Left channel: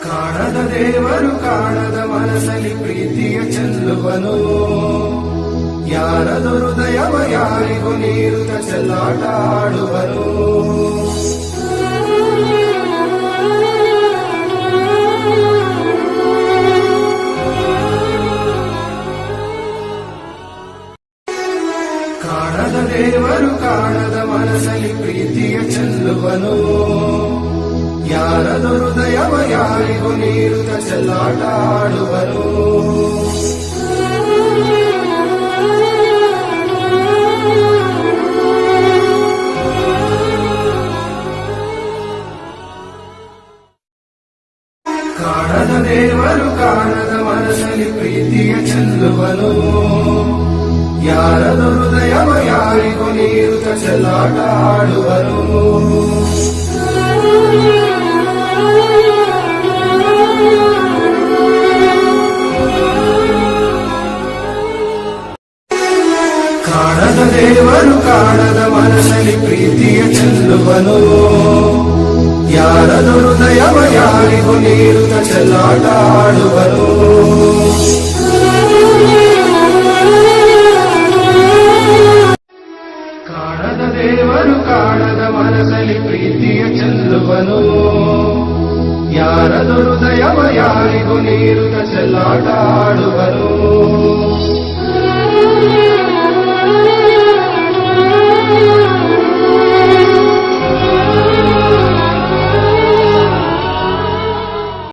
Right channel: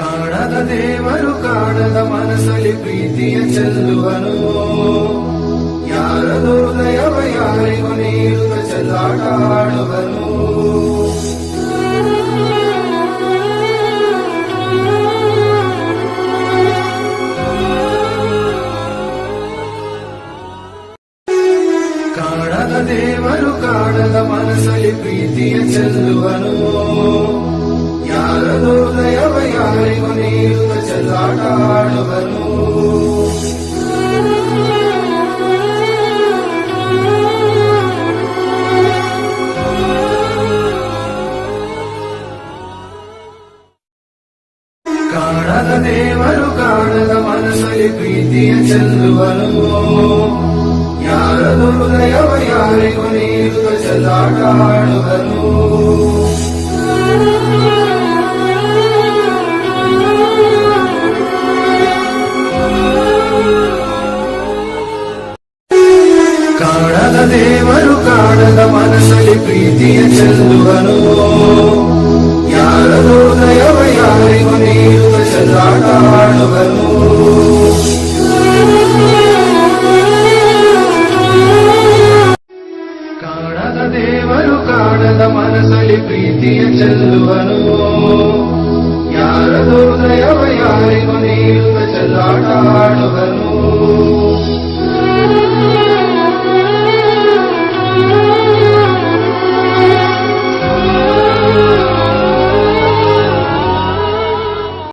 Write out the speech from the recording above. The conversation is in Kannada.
ಕಾಣದ ದೇವರು ಕಾಣದ ಮನಸ್ಸಲ್ಲಿ ಪ್ರೀತಿಯ ಚೆಲ್ಲುವನು. ಯಾರದು ಹೃದಯವ ಯಾರಿಗೂ ನೀರುತ್ತ ಚೆಲ್ಲಾಟ ಆಡುವನು. ಕಾಣದ ದೇವರು ಕಾಣದ ಮನಸ್ಸಲ್ಲಿ ಪ್ರೀತಿಯ ಚೆಲ್ಲುವನು. ಯಾರದು ಹೃದಯವ ಯಾರಿಗೂ ನೀರುತ್ತ ಚೆಲ್ಲಾಟ ಆಡುವನು. ಕಾಣದ ದೇವರು ಕಾಣದ ಮನಸ್ಸಲ್ಲಿ ಪ್ರೀತಿಯ ಚೆಲ್ಲುವನು. ಯಾರದು ಹೃದಯವ ಯಾರಿಗೂ ನೀರುತ್ತ ಚೆಲ್ಲಾಟ ಆಡುವನು. ಕಾಣದ ದೇವರು ಕಾಣದ ಮನಸ್ಸಲ್ಲಿ ಪ್ರೀತಿಯ ಚೆಲ್ಲುವನು. ಯಾರದು ಹೃದಯವ ಯಾರಿಗೂ ನೀರುತ್ತ ಚೆಲ್ಲಾಟ ಆಡುವನು. ಕಾಣದ ದೇವರು ಕಾಣದ ಮನಸ್ಸಲ್ಲಿ ಪ್ರೀತಿಯ ಚೆಲ್ಲುವನು. ಯಾರದು ಹೃದಯವ ಯಾರಿಗೂ ನೀರುತ್ತ ಚೆಲ್ಲಾಟ ಆಡುವನು.